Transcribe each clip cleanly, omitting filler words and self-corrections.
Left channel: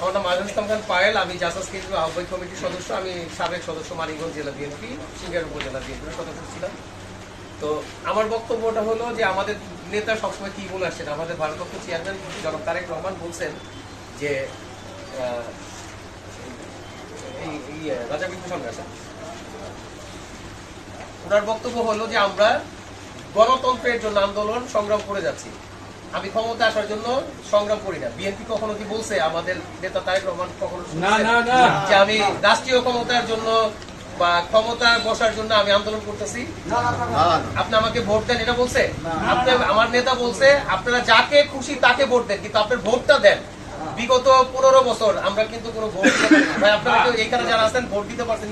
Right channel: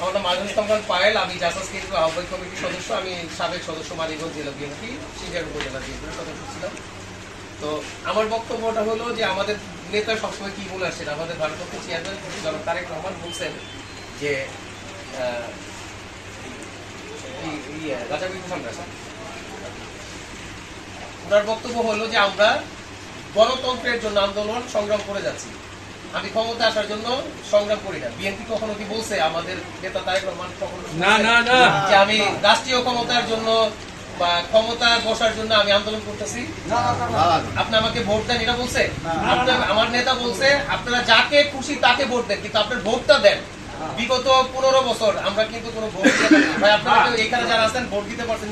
আমার নাম আজম ইসলাম খান পায়েল, আমি জাসাস কেন্দ্রীয় আহ্বায়ক কমিটির সদস্য। আমি সাবেক সদস্য মানিকগঞ্জ জেলা বিএনপি, সিঙ্গার উপজেলা বিএনপির সদস্য ছিলাম। তো আমার বক্তব্যটা হলো যে আমাদের নেতা সবসময় কি বলে আসছেন, আমাদের ভারপ্রাপ্ত চেয়ারম্যান জনাব তারেক রহমান বলছেন যে রাজা বিন্দু সামনে আসেন, ওনার বক্তব্য হলো যে আমরা গণতন্ত্রের জন্য আন্দোলন সংগ্রাম করে যাচ্ছি, আমি ক্ষমতা আসার জন্য সংগ্রাম করি না। বিএনপি কখনো কি বলছে, আমাদের নেতা তারেক রহমান কখনো যে আমি রাষ্ট্রীয় ক্ষমতার জন্য বা ক্ষমতা বসার জন্য আমি আন্দোলন করতেছি? আপনি আমাকে ভোট দেন এটা বলছে? আমার নেতা বলছে আপনারা যাকে খুশি তাকে ভোট দেন, কিন্তু আপনার ভোটটা দেন। বিগত 15 বছর আমরা কিন্তু কোনো ভোট ভাই, আপনারা তো এখানে যারা আছেন ভোট দিতে পারছেন?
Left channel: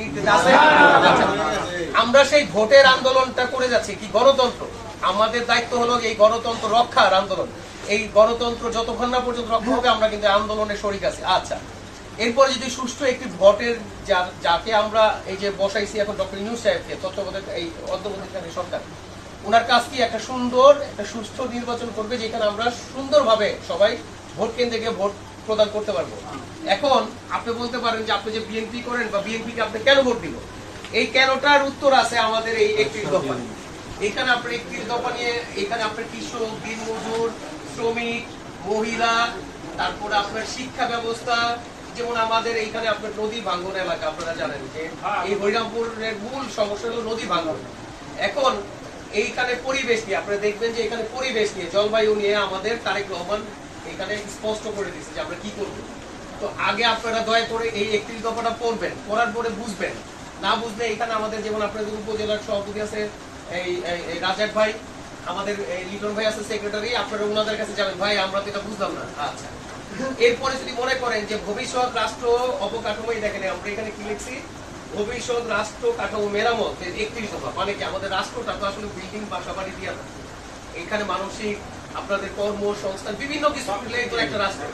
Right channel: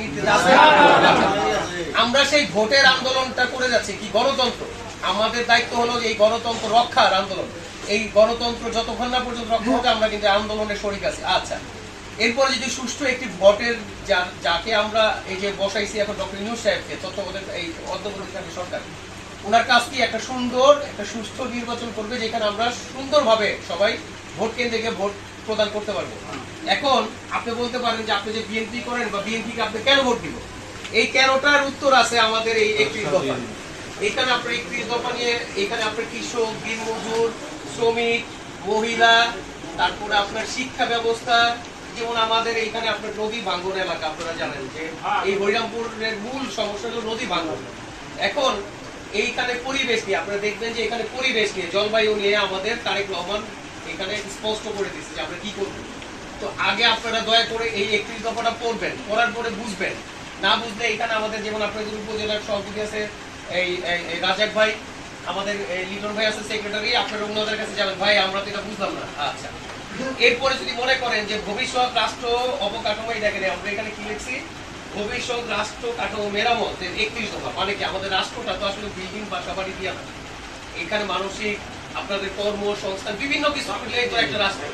আমরা সেই ভোটের আন্দোলনটা করে যাচ্ছি কি গণতন্ত্র। আমাদের দায়িত্ব হলো এই গণতন্ত্র রক্ষার আন্দোলন। এই গণতন্ত্র যতক্ষণ না পর্যন্ত রক্ষা হবে আমরা কিন্তু আন্দোলনের শরিক আছি। আচ্ছা, এরপরে যদি সুষ্ঠু একটি ভোটের যাকে আমরা এই যে বসাইছি এখন ডক্টর ইউনূস সাহেবকে, তত্ত্বাবধায়ক এই অন্তর্বর্তীকালীন সরকার, ওনার কাজ কি একটা সুন্দর একটা সুষ্ঠু নির্বাচন করবে, যেখানে আমরা সুন্দরভাবে সবাই ভোট কেন্দ্রে গিয়ে ভোট প্রদান করতে পারবো। এখন আপনি বলতে পারেন যে আপনি যে বিএনপি করেন বা বিএনপিকে আপনি কেন ভোট দিল, এই কেনটার উত্তর আছে আমাদের এই 31 দফা। এখানে আপনার 31 দফা নিয়ে এখানে আপনার কৃষক, দিনমজুর, শ্রমিক, মহিলা, তারপরে আপনার শিক্ষা ব্যবস্থা, যেমন আমাদের এইখানে আপনার নদী ভাঙ্গন এলাকা, আপনারা জানেন যে এই হরিরামপুরের মূল সমস্যা হলো নদী ভাঙ্গন। এখন এইখানে পরিবেশ নিয়ে আপনারা দেখবেন যে এখানে পরিবেশ নিয়ে, জলবায়ু নিয়ে আমাদের তারেক রহমান এখানে স্পষ্ট করে দিচ্ছে যে আমরা কি করব। তো আগে আপনারা দয়া করে এই 31 দফাটা পড়বেন, পড়ার পরে বুঝবেন। না বুঝলে এখানে আমাদের যেমন আপনাদের উপজেলার সভাপতি আছে এই রাজাক ভাই, আমাদের লিটন ভাই আছে সেক্রেটারি, আপনারা ওনাদের কাছে যাবেন, ভাই আমরা তো এটা বুঝলাম না। আচ্ছা, এরপরে যদি মনে করেন যে ভবিষ্যৎ রাষ্ট্র অবকাঠামো, দেখেন আমরা এখানে কি লিখছি, ভবিষ্যৎ রাষ্ট্র কাঠামো মেরামত 31 দফা। মানে কি আমাদের রাষ্ট্রটা তো আসলে বিল্ডিং বা সবারই দিয়া না, এখানে মানসিক আপনাদের কর্মসংস্থান বিভিন্ন কিছু মিলে তো একটা রাষ্ট্র।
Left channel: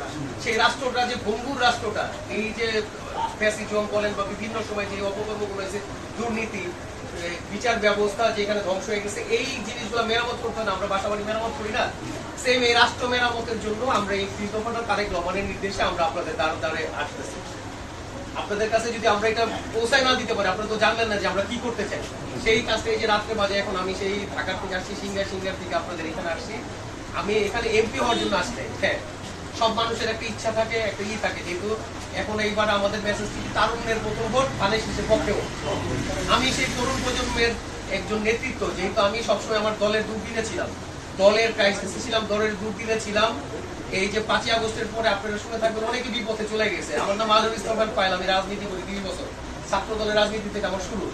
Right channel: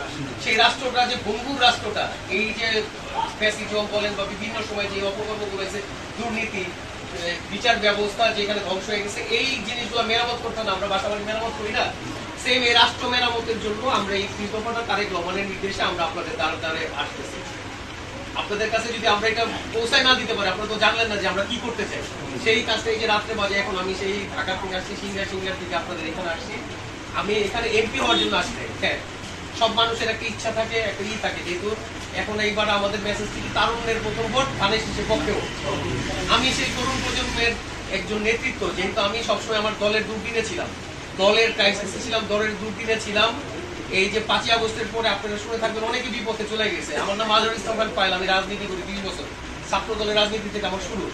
সেই রাষ্ট্রটা যে ভঙ্গুর রাষ্ট্রটা, এই যে ফ্যাসিজম বলেন বা বিভিন্ন সময় যে অপকর্মগুলো হয়েছে, দুর্নীতি, বিচার ব্যবস্থা যেখানে ধ্বংস হয়ে গেছে, এই জিনিসগুলো মেরামত করতে হবে। আমরা বাসাবাড়ি মেরামত করি না, সেম এই রাষ্ট্র মেরামতের জন্য আমরা এই কৃতজ্ঞতা তারেক রহমানের নির্দেশে আমরা আপনাদের দ্বারে দ্বারে আসতেছি। আপনাদের কাছে যদি আমরা এটা পৌঁছায় না দিতে পারি, আপনারা তো জানলেন না যে আমরা কি করতে চাই। সেই কাজটা এই যে রাত্রে বাজে, এখন আমি সেই ঢাকা থেকে আসছি, সিঙ্গার থেকে আপনাদের এখানে আসছি। আমি এখানে এমপি হওয়ার জন্য আসছি। হ্যাঁ, সব মানুষের একটা ইচ্ছা থাকে, একটা থাকে, যেহেতু এখন এইবার আমাদের মেসেজ কি তারুণ্যের প্রথম ভোট, ধানের শীষের পক্ষেও। আমি সেই তরুণ প্রজন্মের একজন নেতৃত্ব, যেহেতু আমি সবসময় আমার দলের দুর্দিনে ছিলাম, দলের ক্রাইসিসে ছিলাম, দলের দুর্দিনে ছিলাম। এই যে 5ই আগস্টের পরে আপনারা শুনে থাকবেন অনেকে বিপথে চলে গেছে। আমার নাম আজম ইসলাম খান পায়েল, আমি রাজনীতি করি 20 বছর, ছাত্র দলের রাজনীতি থেকে আমার শুরু।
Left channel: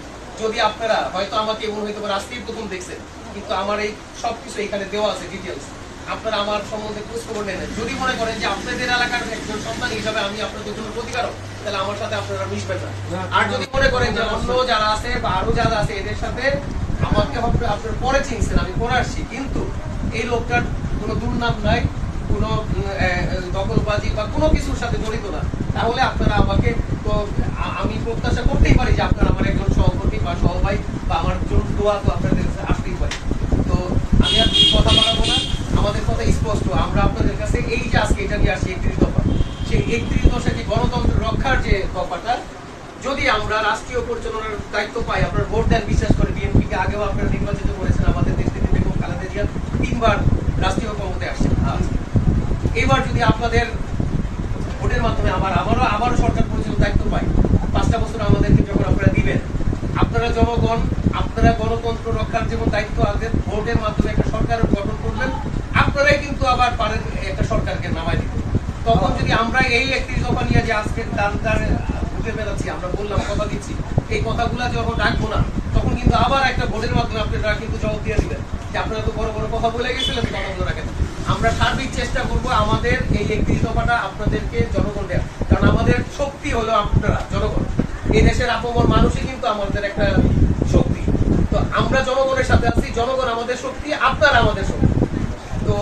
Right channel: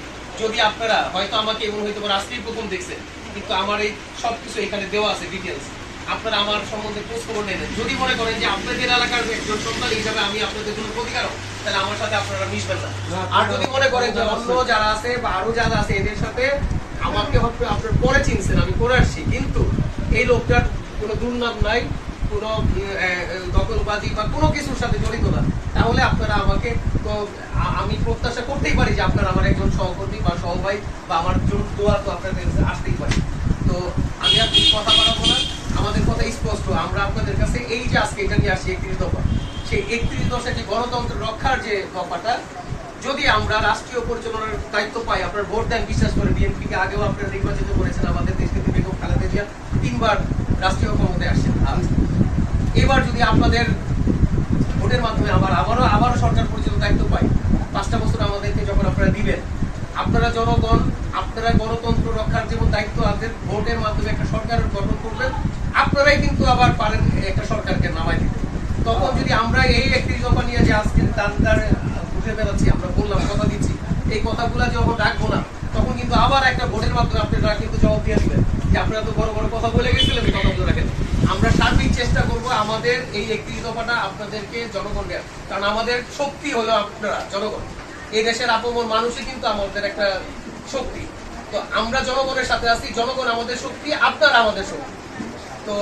যদি আপনারা হয়তো আমাকে এমন হয়তো আজকেই প্রথম দেখছেন, কিন্তু আমার এই সবকিছু এখানে দেওয়া আছে ডিটেলস, আপনারা আমার সম্বন্ধে খোঁজ খবর নেন। যদি মনে করেন যে আপনাদের এলাকার একজন সন্তান হিসাবে আমি আপনাদের জন্য প্রতিকারক, তাহলে আমার সাথে আপনারা মিশবেন না। আর যদি মনে করেন যে অন্য যারা আছে বা আরো যারা আছে এদের সাথে আমাকে হয়তো আপনারা পরে চিনছেন, আমি পরে আসছি, কিন্তু এই লোকটার কোনো দুর্নাম নাই, কোনো দখলবাজি বা কোনো কিছুর সাথে জড়িত না, তাহলে আপনারা আমাকে, তো আমি প্রত্যাশা করতেই পারি যে আপনারা আমার একজন সহকর্মী বা সহভাই বা আমার দোয়া তো আপনাদের আসতেই পারি। তো আমি আর কথা বাড়াবো না, আমাদের কথা স্পষ্ট। আমরা আপনাদের কাছে এই যে আজকে এটা নিয়ে আসছি 31 দফা, সেই 31 দফা যে গণতন্ত্র রক্ষার যে দফাটা, যদি আমরা রাষ্ট্রীয় পরিচালনার দায়িত্ব পাই, আপনারা ভোট দেন বিশ্বাস করে। বিএনপিকে আগেও আপনারা নির্বাচিত করেছেন, আমাদের দেশকে বেগম খালেদা জিয়া 3 বার রাষ্ট্রীয় ক্ষমতায় আসছেন। এবার যদি আপনাদের ভোটের মাধ্যমে আবারও সরকার পরিচালনার দায়িত্ব পাই, 5টা বছর আমাদেরকে যখন আপনারা দিবেন, আপনারা জনগণ, আপনারা গণতন্ত্র রক্ষার যেমন দায়িত্ব আছে, ভোটের মাধ্যমে একটা সরকার গঠন করবেন, আপনারাই কিন্তু আবার পারেন একটা সরকারকে নামাই দিতে। তখন যদি আমরা এই 31 দফা নিয়ে যে আজকে দাঁড়ে ঘুরে বেড়াচ্ছি, আমরা বললাম কথা দিচ্ছি, এই কথাগুলা যখন রাখবো না, তখন কিন্তু আবার একটা ভোটের মাধ্যমে আপনারা কিন্তু জবাব দিয়ে দিবেন যে আপনারা তো বড় বড় কথা বলে গেছিলেন, কথাগুলো রাখেন। আমরা সার্বিক চেষ্টা করবো আমাদের এই 31 দফাটা আপনাদেরকে জনগণ দেওয়ার, কারণ আমাদের শক্তি হলো আপনারা জনগণ। এই দেশের আপমর মানুষই কিন্তু আমাদের একটা শক্তি। তো আমরা জনগণের সাথে আছি, জনগণ আমাদের শক্তি, আপনারা আমাদের শক্তি। তো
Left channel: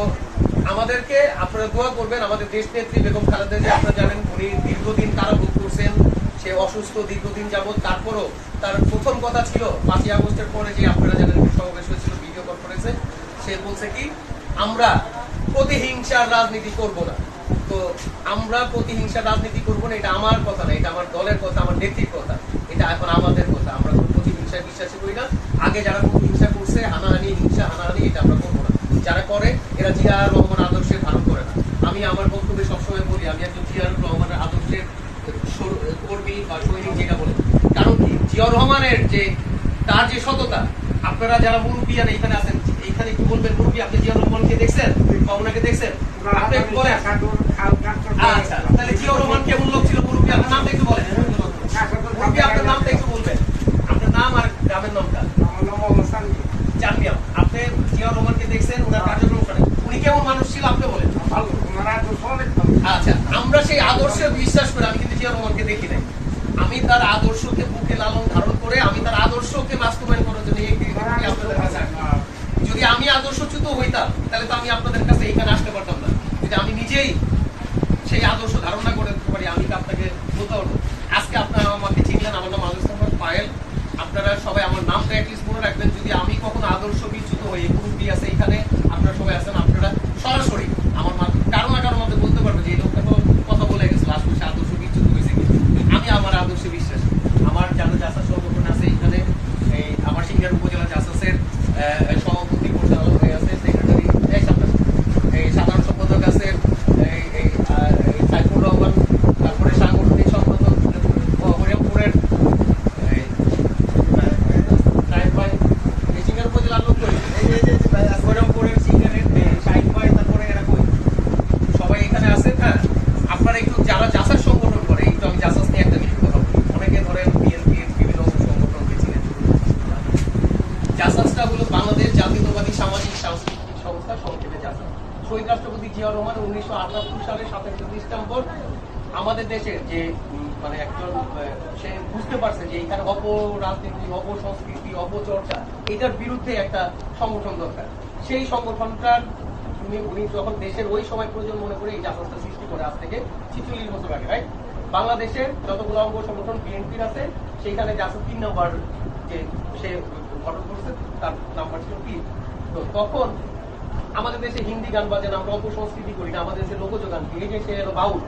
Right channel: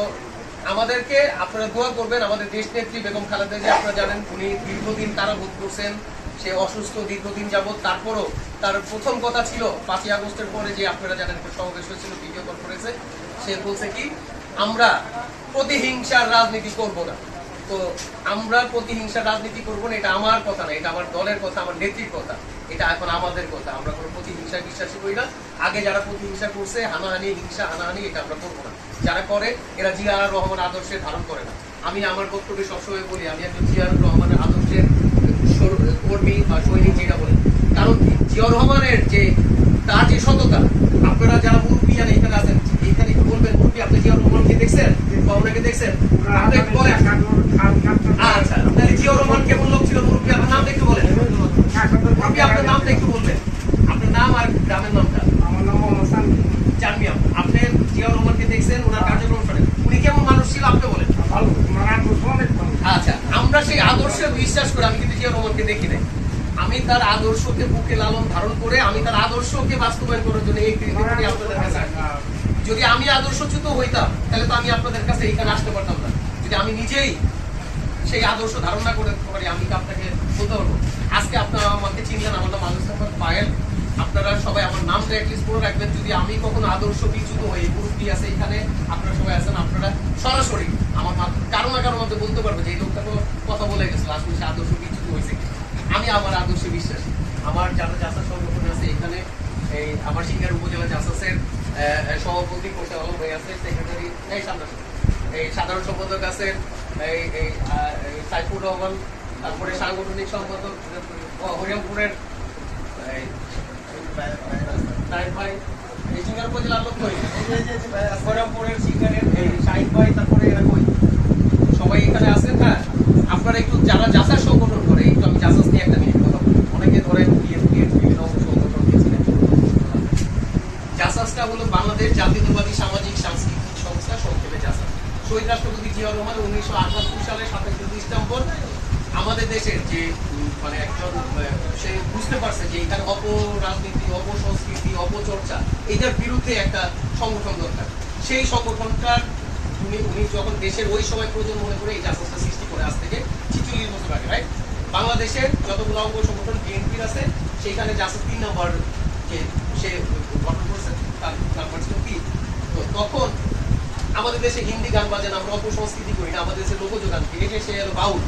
আমাদেরকে আপনারা দোয়া করবেন। আমাদের দেশ নেত্রী বেগম খালেদা জিয়া, আপনারা জানেন উনি দীর্ঘদিন কারাভোগ করছেন, সে অসুস্থ দীর্ঘদিন যাবৎ। তারপরও তার প্রথম কথা ছিল 5ই আগস্টের পরে যে আপনারা জানেন সমাবেশ হয়েছিল ভিডিও কনফারেন্সে, সে বলছে কি আমরা প্রতিহিংসার রাজনীতি করব না। তো তো আমরা প্রতিহিংসা রাজনীতি করবো না, এটা আমার কথা না, এটা আমার দলের কথা, আমার নেত্রীর কথা, এটা এখন আমাদের কথা। আমরা কোনো প্রতিহিংসায় বিশ্বাসী করি না। আগে যারা প্রতিহিংসা করছে, হানাহানি, হিংসা হানাহানি, এটা আমরা করবো না। যারা করে এরা জিয়াউর রহমান আদর্শে ধারণ করে না। আমি আমার বক্তব্যে সবসময় বলি আমি একজন জিয়াউর রহমানের আদর্শের কর্মী বা সৈনিক, যেটা বলি। কারণ কি, জিয়াউর রহমানের যে তার যে সততা, আপনারা যারা মুরব্বী আর এখানে আছেন, এখানে একটু বলবেন, মুরব্বী আপনি জিয়াউর রহমানকে দেখছেন বা ওনাকে দেখছেন? আপনি একটু বলেন। আচ্ছা, তাহলে জিয়াউর রহমান কেমন লোক ছিল? মুরব্বী আপনার নামটা একটু বলেন। মুরব্বী আপনার নামটা একটু বলবেন, আপনার নাম আর গ্রামের নামটা। আমার নাম মোহাম্মদ সালমান। জানমিয়া, আপনি জিয়াউর রহমানকে দেখছেন, ওনার কার্যক্রম শুনেন, উনি কেমন মানুষ ছিল আপনি বলেন। ভালো, ওনার আদর্শ অনেক ভালো। আচ্ছা, আমরা সেই আদর্শে বিশ্বাস করে, আমি কিন্তু জিয়াউর রহমানকে দেখি নাই, আমি তার আদর্শকে বুকে লালন ধারণ করে আমি তার আদর্শকে বাস্তবায়ন করার জন্য এই ক্রিকেটটি আপনাদের কাছে আসলাম। যদি আমি আদর্শচ্যুত হইতাম তাহলে তো আমি আপনাদের কাছে এখানে আসতে পারতাম না। যদি আমি নিজেই সেই আদর্শ ধারণা করে পারি, আমি কি আপনাকে বলতে পারবো? আজকে আপনারা আমাকে চিনলেন, আমার নাম আলুস আহমদ পায়েল। আপনারা সবাই আমার নামটা অ্যাটলিস্ট মনে রাখবেন। যদি আমি কখনো আদর্শ বিচ্যুত হই, মুরব্বী আছে এখানে, আপনারা সবাই আছেন, আপনারা সরাসরি আমার কারো না কারোর মধ্যে বলতে পারবো যে এই লোকটা তো কথা বলে গেছিল, আসলে সে আদর্শ বিচ্যুত হয়েছে। আমি আমার আদর্শে বিশ্বাসী। আমার যারা জাসাস সংগঠন আছে এখানে, এই আমার সিঙ্গার উপজেলা জাসাসের সভাপতি পরিচালক হয়ে আছে, সেক্রেটারি, এই সাধারণ সম্পাদক আছে এই সাইফুর রহমান, তারপরে সাংগঠনিক সম্পাদক হরিয়ামপুরের এই সিঙ্গার উপজেলার লোক কই, হরিয়ামপুরের সিঙ্গারের শাহিদ ভাই, তারপরে এরা কই, সবাই এখানে আছেন। হ্যাঁ, আপনারা একটু যারা জাসাস সংগঠন করে, একটু আমি জাসাস নিয়ে একটা মিনিট বললাম। অনেকে ধরেন বিএনপির বিভিন্ন সংগঠনকে চিনেন। জাসাসটা হলো বাংলাদেশ জাতীয়তাবাদী সামাজিক সাংস্কৃতিক সংস্থা, সংক্ষেপে জাসাস। শহীদ রাষ্ট্রপতি জিয়াউর রহমান 1978 সালে 27 ডিসেম্বর আমাদের দেশের যে মানে একজন, সে বুঝতে পারছে যে এখানে অপরাজনীতি, অপসংস্কৃতি, অপচর্চা, এটার বিরুদ্ধে একটা সংগঠন দরকার। সেই সংগঠনটার উনি যখন দেশের ওই সময় প্রয়োজন মনে করে এই জাসাসটা সৃষ্টি করে, আজ থেকে 46 বছর আগে, রাইট? বাংলাদেশের যতগুলো অঙ্গ সংগঠন বিএনপির আছে, সেইখানে জাসাস 3 নম্বর যে সে গঠন করছে, তার নাম্বার ছিল 3। তো তখন আমাদের দেশে হিন্দি গান বাজান, আমরা অপসংস্কৃতি করি না, আমাদের দেশে লোকজ গান কি, এই যে সে বাউল,